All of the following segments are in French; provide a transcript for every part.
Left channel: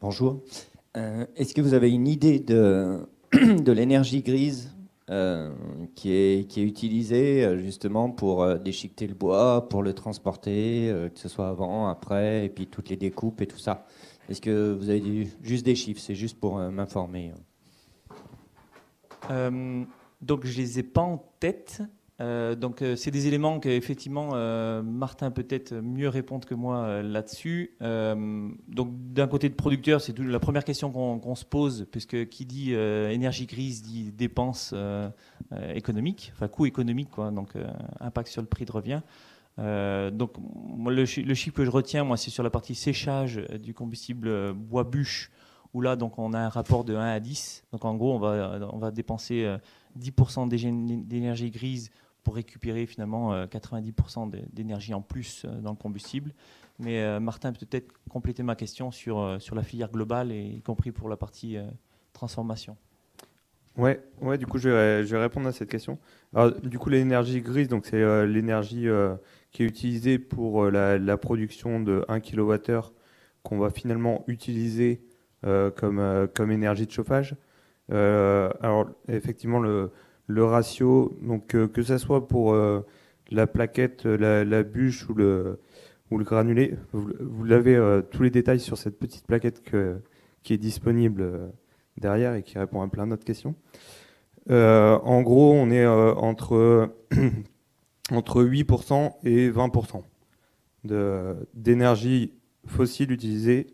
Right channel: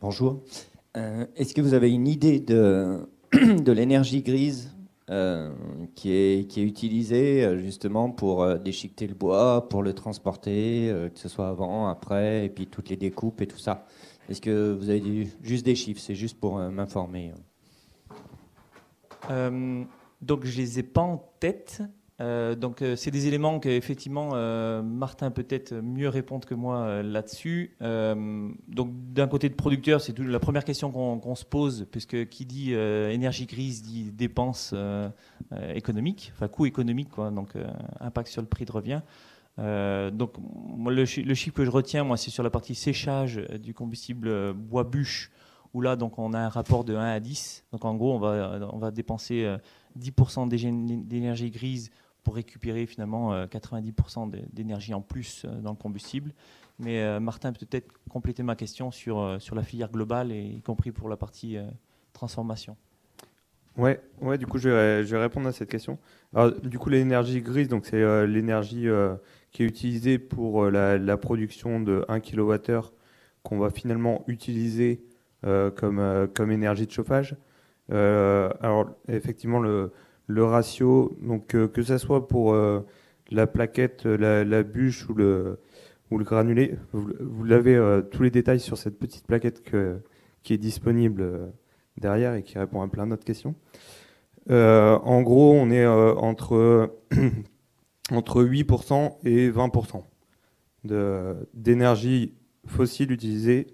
Bonjour. Est-ce que vous avez une idée de l'énergie grise qui est utilisée justement pour déchiqueter le bois, pour le transporter, que ce soit avant, après, et puis toutes les découpes et tout ça? Est-ce que vous avez juste des chiffres? C'est juste pour m'informer. Donc je les ai pas en tête. C'est des éléments que effectivement Martin peut-être mieux répondre que moi là-dessus. Donc d'un côté de producteur, c'est la première question qu'on se pose, puisque qui dit énergie grise dit dépenses économiques, enfin coût économique, quoi. Donc impact sur le prix de revient. Donc moi, le chiffre que je retiens, moi, c'est sur la partie séchage du combustible bois bûche, où là donc on a un rapport de 1 à 10. Donc en gros, on va dépenser 10% d'énergie grise pour récupérer finalement 90% d'énergie en plus dans le combustible. Mais Martin peut peut-être compléter ma question sur la filière globale, et y compris pour la partie transformation. Ouais, du coup, je vais répondre à cette question. Alors, du coup, l'énergie grise, donc c'est l'énergie qui est utilisée pour la production de 1 kWh qu'on va finalement utiliser comme énergie de chauffage. Alors, effectivement, le ratio, donc que ça soit pour la plaquette, la bûche ou le granulé, vous l'avez tous les détails sur cette petite plaquette qui est disponible derrière et qui répond à plein d'autres questions. En gros, on est entre 8% et 20% d'énergie fossile utilisée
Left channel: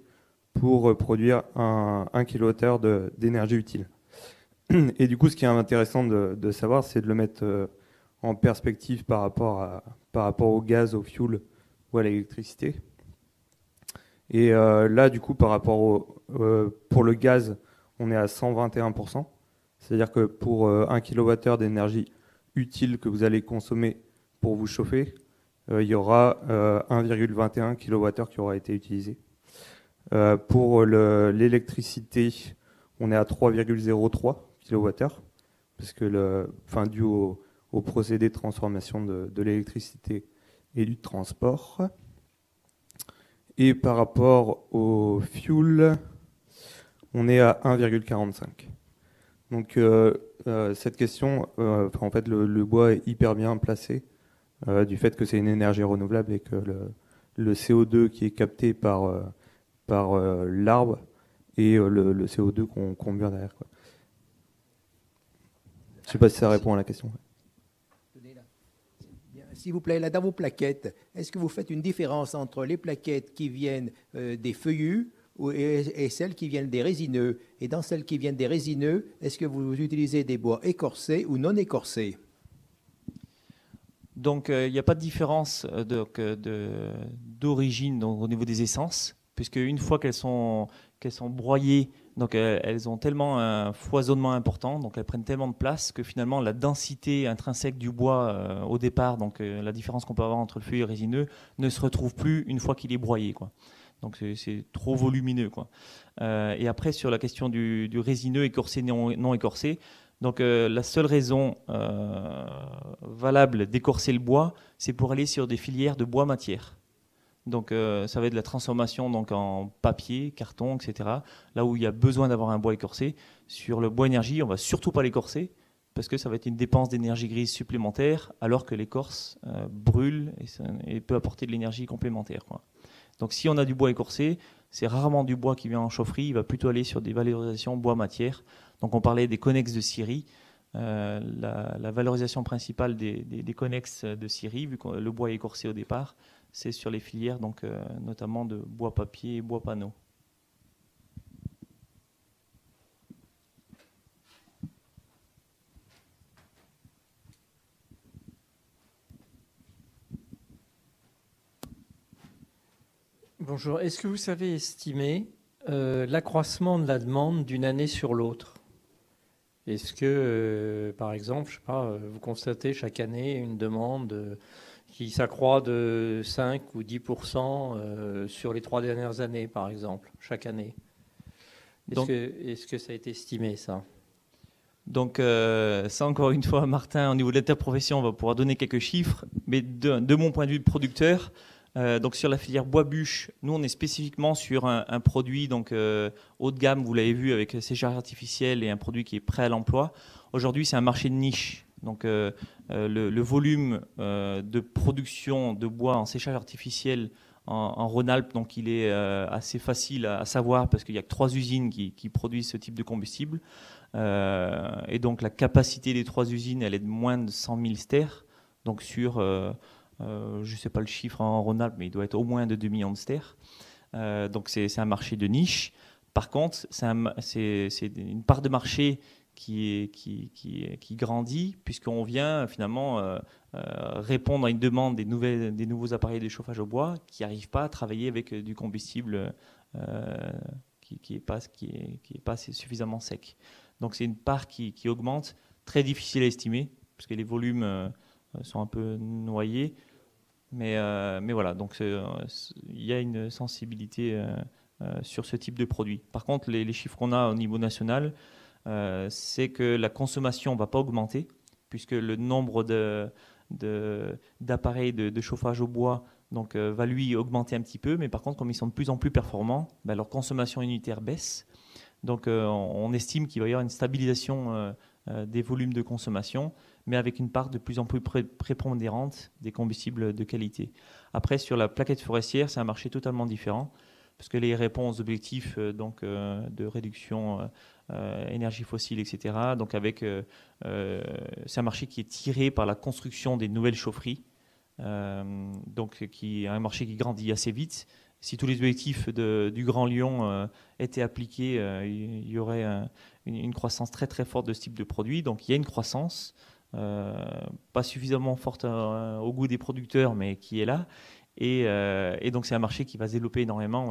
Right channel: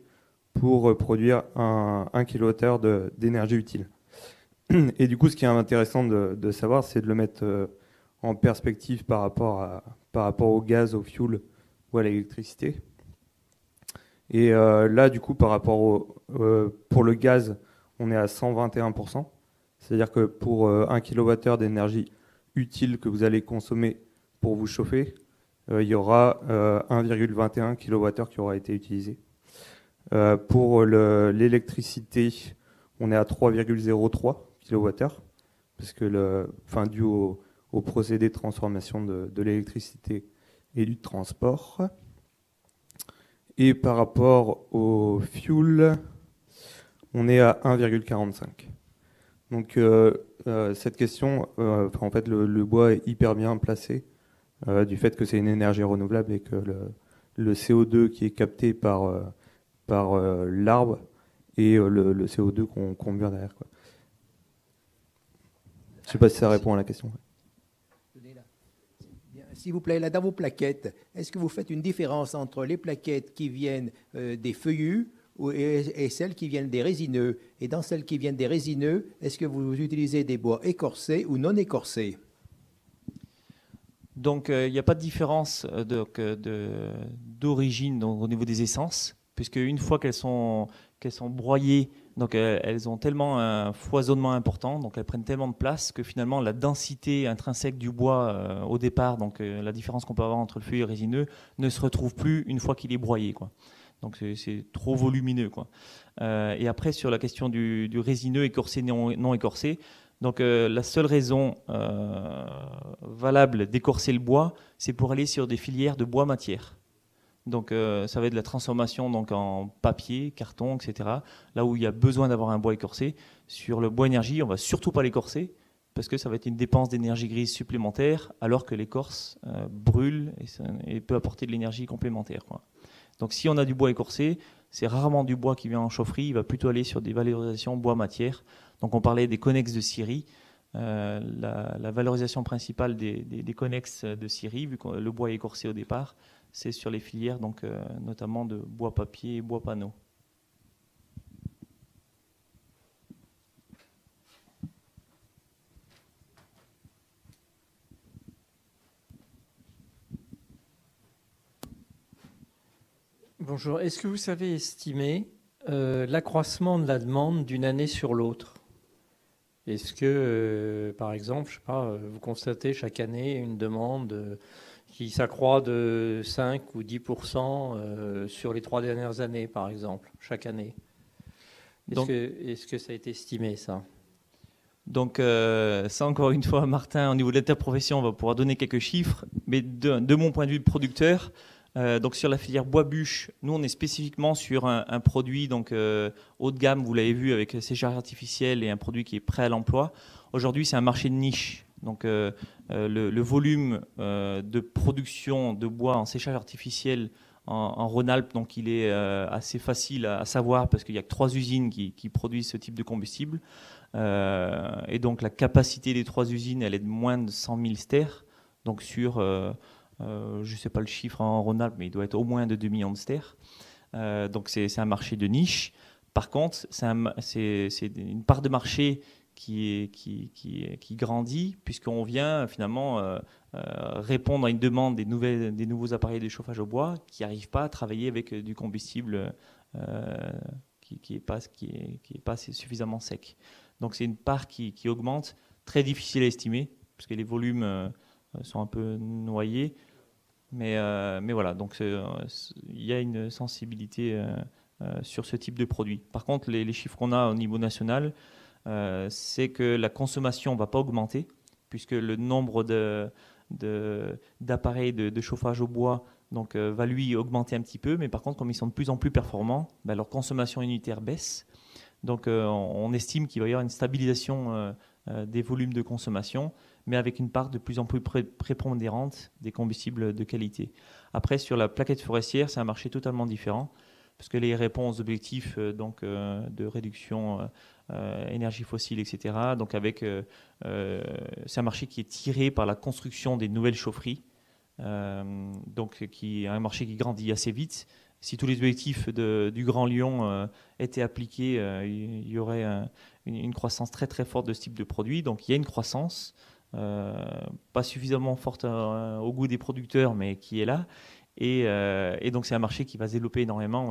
pour produire 1 kWh d'énergie utile. Et du coup, ce qui est intéressant de savoir, c'est de le mettre en perspective par rapport au gaz, au fuel ou à l'électricité. Et là, du coup, par rapport pour le gaz, on est à 121%. C'est-à-dire que pour 1 kWh d'énergie utile que vous allez consommer pour vous chauffer, il y aura 1,21 kWh qui aura été utilisé. Pour l'électricité, on est à 3,03 kWh, parce que dû au procédé de transformation de l'électricité et du transport. Et par rapport au fuel, on est à 1,45. Donc cette question, en fait, le bois est hyper bien placé du fait que c'est une énergie renouvelable et que le CO2 qui est capté par l'arbre et le CO2 qu'on met derrière, quoi. Je ne sais pas si ça répond à la question. S'il vous plaît, là dans vos plaquettes, est-ce que vous faites une différence entre les plaquettes qui viennent des feuillus et celles qui viennent des résineux? Et dans celles qui viennent des résineux, est-ce que vous utilisez des bois écorcés ou non écorcés? Donc il n'y a pas de différence d'origine au niveau des essences, puisque une fois qu'elles sont broyées, donc elles ont tellement un foisonnement important, donc elles prennent tellement de place que finalement la densité intrinsèque du bois au départ, donc la différence qu'on peut avoir entre le feuillu et le résineux, ne se retrouve plus une fois qu'il est broyé, quoi. Donc c'est trop volumineux, quoi. Et après sur la question du résineux écorcé, non écorcé, donc la seule raison valable d'écorcer le bois, c'est pour aller sur des filières de bois matière. Donc ça va être de la transformation donc en papier, carton, etc. Là où il y a besoin d'avoir un bois écorcé. Sur le bois énergie, on ne va surtout pas l'écorcer parce que ça va être une dépense d'énergie grise supplémentaire, alors que l'écorce brûle et peut apporter de l'énergie complémentaire, quoi. Donc si on a du bois écorcé, c'est rarement du bois qui vient en chaufferie, il va plutôt aller sur des valorisations bois-matière. Donc on parlait des connexes de scierie. La valorisation principale des connexes de scierie, vu que le bois est écorcé au départ, c'est sur les filières, donc, notamment de bois papier et bois panneau. Bonjour, est-ce que vous savez estimer l'accroissement de la demande d'une année sur l'autre? Est-ce que, par exemple, je sais pas, vous constatez chaque année une demande qui s'accroît de 5 ou 10% sur les 3 dernières années, par exemple, chaque année? Est-ce que ça a été estimé, ça? Donc ça, encore une fois, Martin, au niveau de l'interprofession, on va pouvoir donner quelques chiffres, mais de mon point de vue de producteur, Donc sur la filière bois-bûche, nous on est spécifiquement sur un produit donc haut de gamme, vous l'avez vu, avec séchage artificiel et un produit qui est prêt à l'emploi. Aujourd'hui, c'est un marché de niche. Donc le volume de production de bois en séchage artificiel en Rhône-Alpes, donc il est assez facile à savoir parce qu'il n'y a que 3 usines qui produisent ce type de combustible. Et donc la capacité des 3 usines, elle est de moins de 100 000 stères. Donc sur, je ne sais pas le chiffre en Rhône-Alpes, mais il doit être au moins de 2 millions de stères. Donc c'est un marché de niche. Par contre, c'est une part de marché qui grandit, puisqu'on vient finalement répondre à une demande des nouveaux appareils de chauffage au bois qui n'arrivent pas à travailler avec du combustible qui n'est pas suffisamment sec. Donc c'est une part qui augmente, très difficile à estimer, parce que les volumes sont un peu noyés. Mais voilà, donc il y a une sensibilité sur ce type de produit. Par contre, les chiffres qu'on a au niveau national, c'est que la consommation ne va pas augmenter, puisque le nombre d'appareils de chauffage au bois donc, va lui augmenter un petit peu, mais par contre, comme ils sont de plus en plus performants, leur consommation unitaire baisse. Donc on estime qu'il va y avoir une stabilisation des volumes de consommation, mais avec une part de plus en plus prépondérante des combustibles de qualité. Après, sur la plaquette forestière, c'est un marché totalement différent, parce que les réponses aux objectifs de réduction énergie fossile, etc. Donc c'est un marché qui est tiré par la construction des nouvelles chaufferies, donc qui est un marché qui grandit assez vite. Si tous les objectifs du Grand Lyon étaient appliqués, il y aurait une croissance très très forte de ce type de produit. Donc il y a une croissance, pas suffisamment forte au goût des producteurs, mais qui est là. Et donc c'est un marché qui va se développer énormément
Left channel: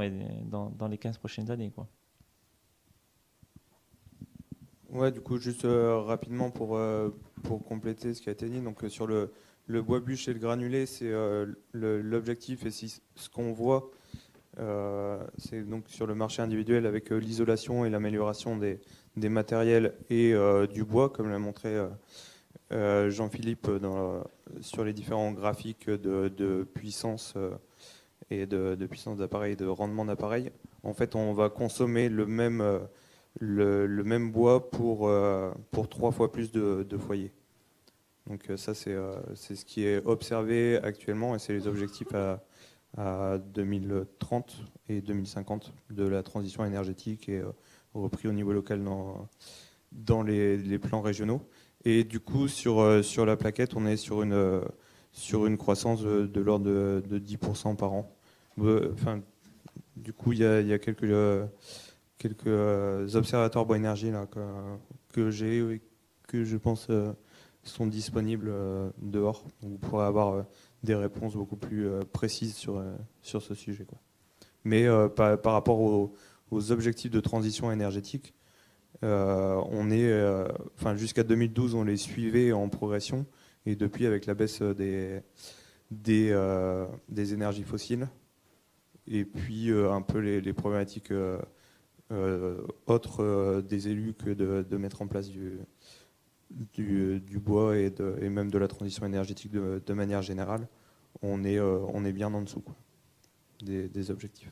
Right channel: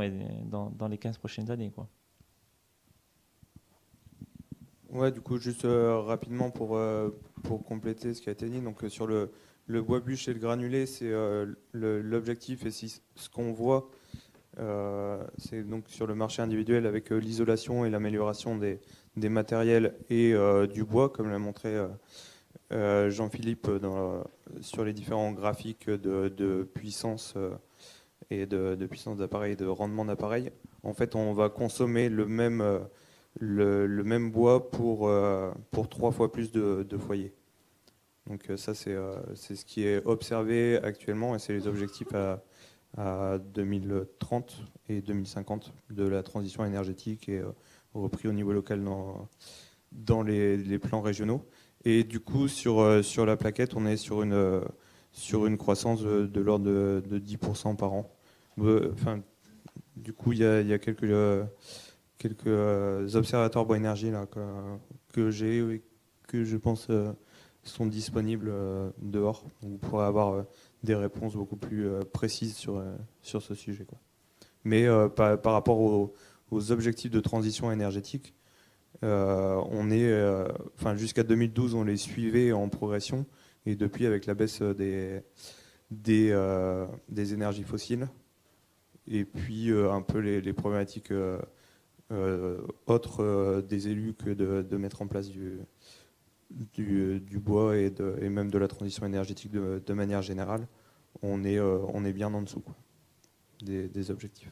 dans les 15 prochaines années, quoi. Ouais, du coup, juste rapidement pour compléter ce qui a été dit, donc sur le bois bûche et le granulé, c'est l'objectif, et ce qu'on voit, c'est donc sur le marché individuel avec l'isolation et l'amélioration des matériels et du bois, comme l'a montré Jean-Philippe sur les différents graphiques de puissance et de puissance d'appareil, de rendement d'appareil. En fait, on va consommer le même bois pour 3 fois plus de foyers. Donc ça, c'est ce qui est observé actuellement, et c'est les objectifs à 2030 et 2050 de la transition énergétique, et repris au niveau local dans les plans régionaux. Et du coup, sur la plaquette, on est sur une croissance de l'ordre de 10% par an. Enfin, du coup, il y a quelques observatoires bois énergie là, que j'ai et que je pense sont disponibles dehors. Vous pourrez avoir des réponses beaucoup plus précises sur ce sujet, quoi. Mais par rapport aux objectifs de transition énergétique, on est, jusqu'à 2012, on les suivait en progression, et depuis, avec la baisse des énergies fossiles, et puis un peu les problématiques autres des élus que de mettre en place du bois et même de la transition énergétique de manière générale, on est bien en dessous, quoi, des objectifs.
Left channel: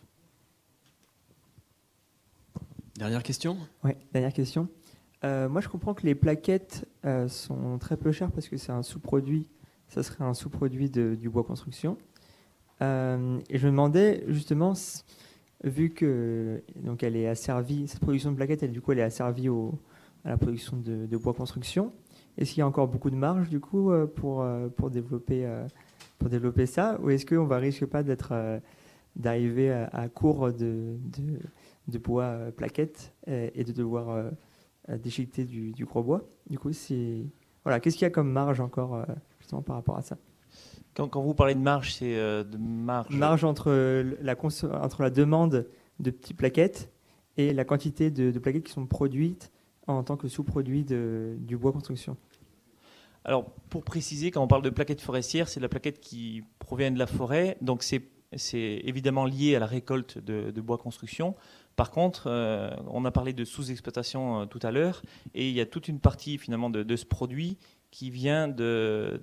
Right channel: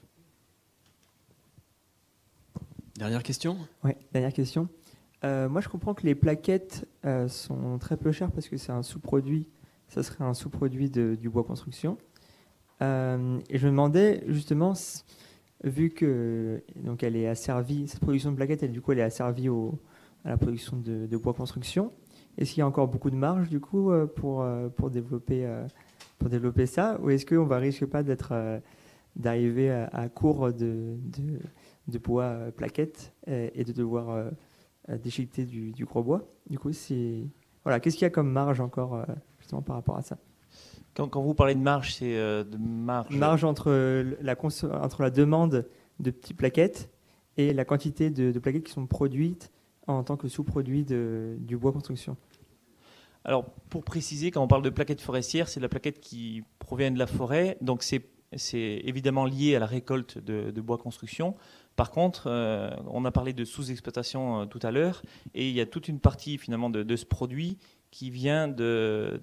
Dernière question ? Oui, dernière question. Moi, je comprends que les plaquettes sont très peu chères parce que c'est un sous-produit. Ça serait un sous-produit du bois construction. Et je me demandais justement, vu que donc elle est asservie, cette production de plaquettes, elle est asservie à la production de bois construction. Est-ce qu'il y a encore beaucoup de marge du coup pour développer ça, ou est-ce qu'on risque pas d'arriver à court de bois plaquettes et de devoir déchiqueter du gros bois? Du coup, qu'est-ce qu'il y a comme marge encore justement par rapport à ça? Quand vous parlez de marge, c'est de marge entre la demande de petites plaquettes et la quantité de plaquettes qui sont produites en tant que sous-produit du bois construction. Alors, pour préciser, quand on parle de plaquettes forestières, c'est de la plaquette qui provient de la forêt, donc c'est évidemment lié à la récolte de bois construction. Par contre, on a parlé de sous-exploitation tout à l'heure, et il y a toute une partie finalement de ce produit qui vient de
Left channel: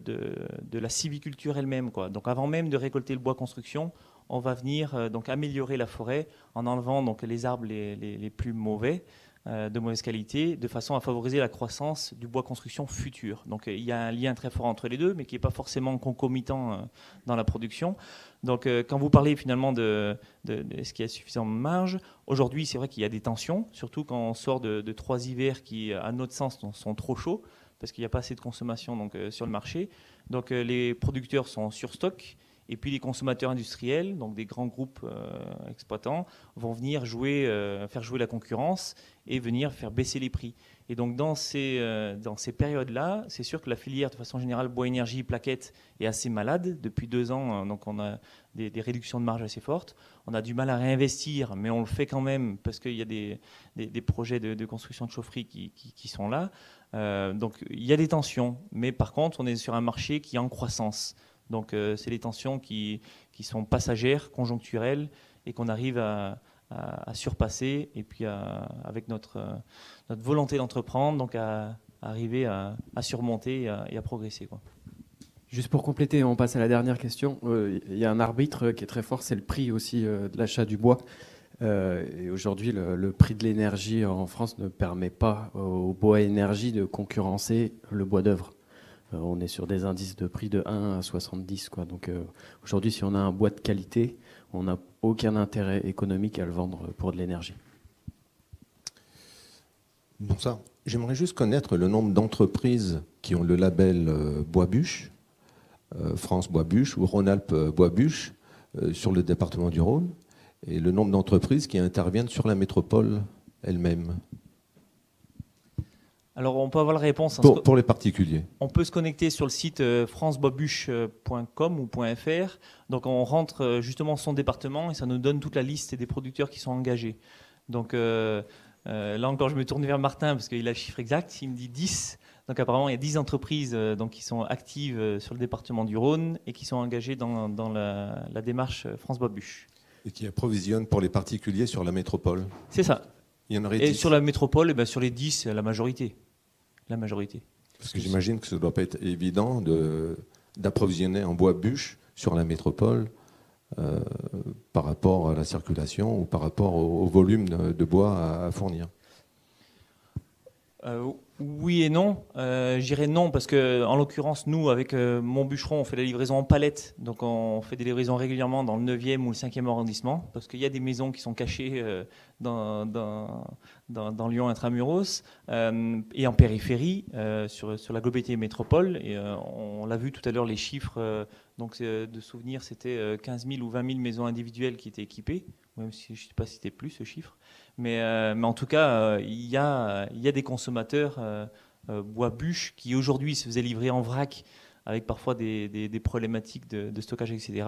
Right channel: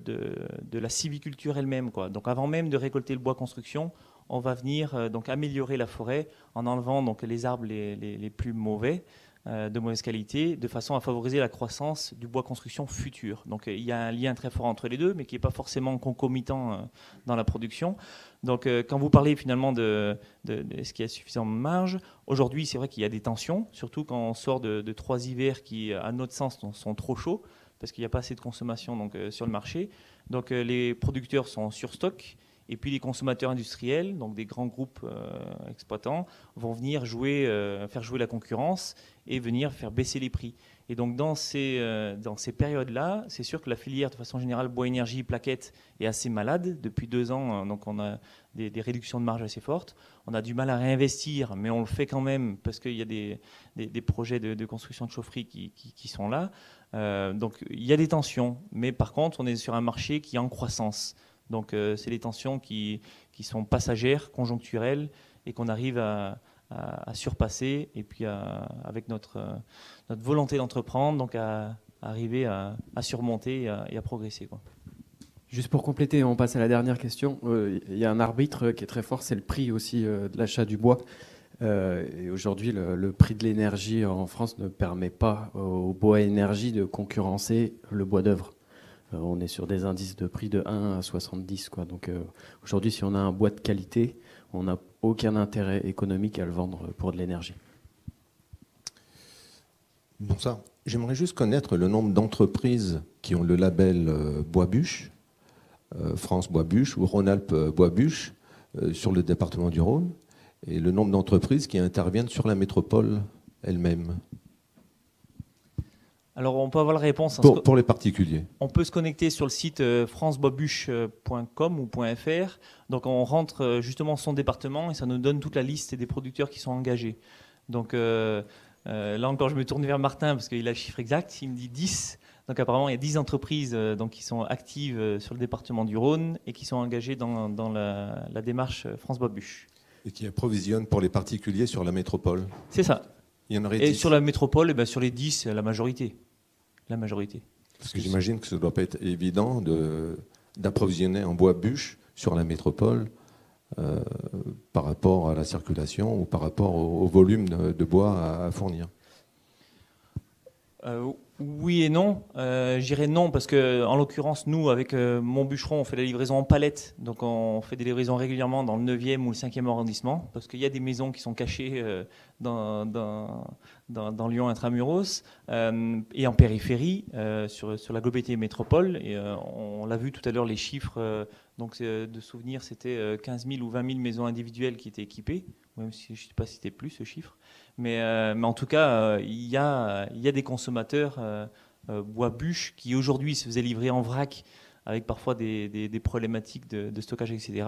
la sylviculture elle-même, quoi. Donc avant même de récolter le bois construction, on va venir donc améliorer la forêt en enlevant donc les arbres les plus mauvais, de mauvaise qualité, de façon à favoriser la croissance du bois construction futur. Donc il y a un lien très fort entre les deux, mais qui n'est pas forcément concomitant dans la production. Donc quand vous parlez finalement de est-ce qu'il y a suffisamment de marge, aujourd'hui c'est vrai qu'il y a des tensions, surtout quand on sort de 3 hivers qui, à notre sens, sont trop chauds, parce qu'il n'y a pas assez de consommation donc, sur le marché. Donc les producteurs sont sur stock. Et puis les consommateurs industriels, donc des grands groupes exploitants, vont venir faire jouer la concurrence et venir faire baisser les prix. Et donc dans ces périodes-là, c'est sûr que la filière, de façon générale, bois énergie, plaquettes, est assez malade. Depuis 2 ans, donc on a des réductions de marge assez fortes. On a du mal à réinvestir, mais on le fait quand même parce qu'il y a des projets de construction de chaufferie qui sont là. Donc il y a des tensions, mais par contre, on est sur un marché qui est en croissance. Donc c'est des tensions qui sont passagères, conjoncturelles, et qu'on arrive à surpasser, et puis avec notre volonté d'entreprendre, donc à arriver à surmonter et à progresser, quoi. Juste pour compléter, on passe à la dernière question. Il y a un arbitre qui est très fort, c'est le prix aussi de l'achat du bois. Et aujourd'hui, le prix de l'énergie en France ne permet pas au bois énergie de concurrencer le bois d'œuvre. On est sur des indices de prix de 1 à 70, quoi. Donc aujourd'hui, si on a un bois de qualité, on n'a aucun intérêt économique à le vendre pour de l'énergie. Bon, ça, j'aimerais juste connaître le nombre d'entreprises qui ont le label Bois-Bûche, France Bois-Bûche ou Rhône-Alpes Bois-Bûche sur le département du Rhône, et le nombre d'entreprises qui interviennent sur la métropole elle-même. Alors on peut avoir la réponse. Pour les particuliers. On peut se connecter sur le site franceboisbûche.com ou .fr. Donc on rentre justement son département et ça nous donne toute la liste des producteurs qui sont engagés. Donc là encore, je me tourne vers Martin parce qu'il a le chiffre exact. Il me dit 10. Donc apparemment, il y a 10 entreprises donc, qui sont actives sur le département du Rhône et qui sont engagées dans la démarche France Bois Bûche. Et qui approvisionnent pour les particuliers sur la métropole. C'est ça. Il y en aurait et 10. sur la métropole, sur les 10, la majorité. La majorité. Parce que j'imagine que ça ne doit pas être évident d'approvisionner en bois bûche sur la métropole par rapport à la circulation ou par rapport au volume de bois à fournir. Oui et non. Je dirais non parce que, en l'occurrence, nous, avec mon bûcheron, on fait la livraison en palette. Donc, on fait des livraisons régulièrement dans le 9e ou le 5e arrondissement parce qu'il y a des maisons qui sont cachées dans Lyon intramuros et en périphérie sur la globalité métropole. Et on l'a vu tout à l'heure, les chiffres. Donc, de souvenir, c'était 15 000 ou 20 000 maisons individuelles qui étaient équipées. Même si je ne sais pas si c'était plus ce chiffre. Mais en tout cas, il y a des consommateurs bois-bûche qui aujourd'hui se faisaient livrer en vrac avec parfois des problématiques de stockage, etc.,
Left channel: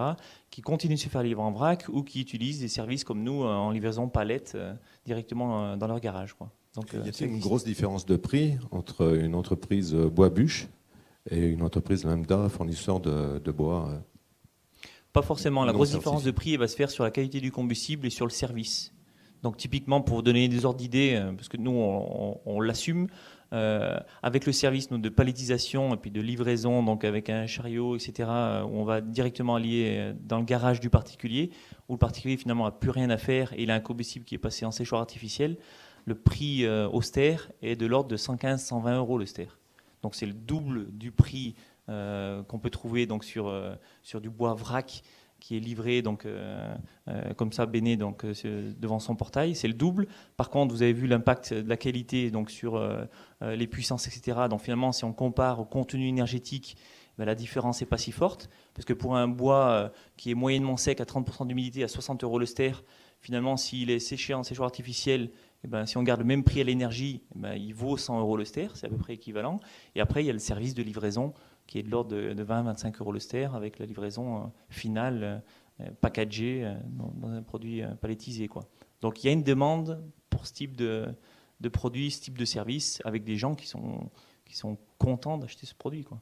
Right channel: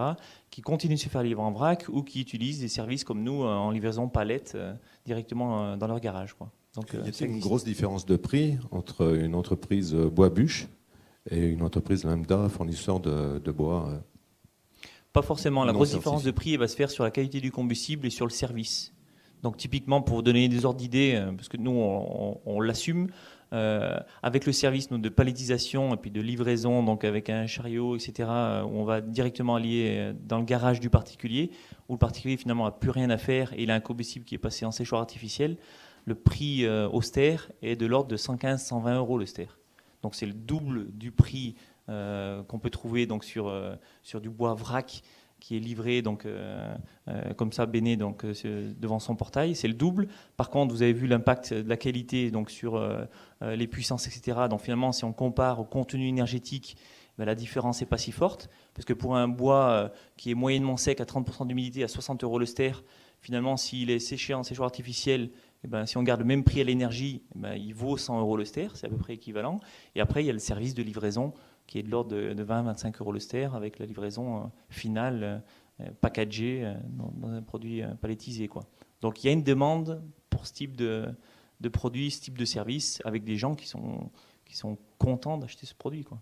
qui continuent de se faire livrer en vrac ou qui utilisent des services comme nous en livraison palette directement dans leur garage, quoi. Donc, y a-t-il une grosse différence de prix entre une entreprise bois-bûche et une entreprise lambda fournisseur de bois Pas forcément. La non grosse certifié. différence de prix elle va se faire sur la qualité du combustible et sur le service. Donc typiquement, pour vous donner des ordres d'idées, parce que nous, on l'assume, avec le service de palettisation et puis de livraison, donc avec un chariot, etc., où on va directement allier dans le garage du particulier, où le particulier finalement n'a plus rien à faire et il a un combustible qui est passé en séchoir artificiel, le prix austère est de l'ordre de 115-120 euros le ster. Donc c'est le double du prix qu'on peut trouver donc, sur du bois vrac, qui est livré donc, comme ça, béné donc, devant son portail. C'est le double. Par contre, vous avez vu l'impact de la qualité donc, sur les puissances, etc. Donc finalement, si on compare au contenu énergétique, la différence n'est pas si forte. Parce que pour un bois qui est moyennement sec à 30% d'humidité à 60 euros le ster, finalement, s'il est séché en séchoir artificiel, si on garde le même prix à l'énergie, il vaut 100 euros le ster. C'est à peu près équivalent. Et après, il y a le service de livraison qui est de l'ordre de 20-25 euros le ster avec la livraison finale packagée dans un produit palettisé, quoi. Donc il y a une demande pour ce type de produit, ce type de service avec des gens qui sont contents d'acheter ce produit, quoi.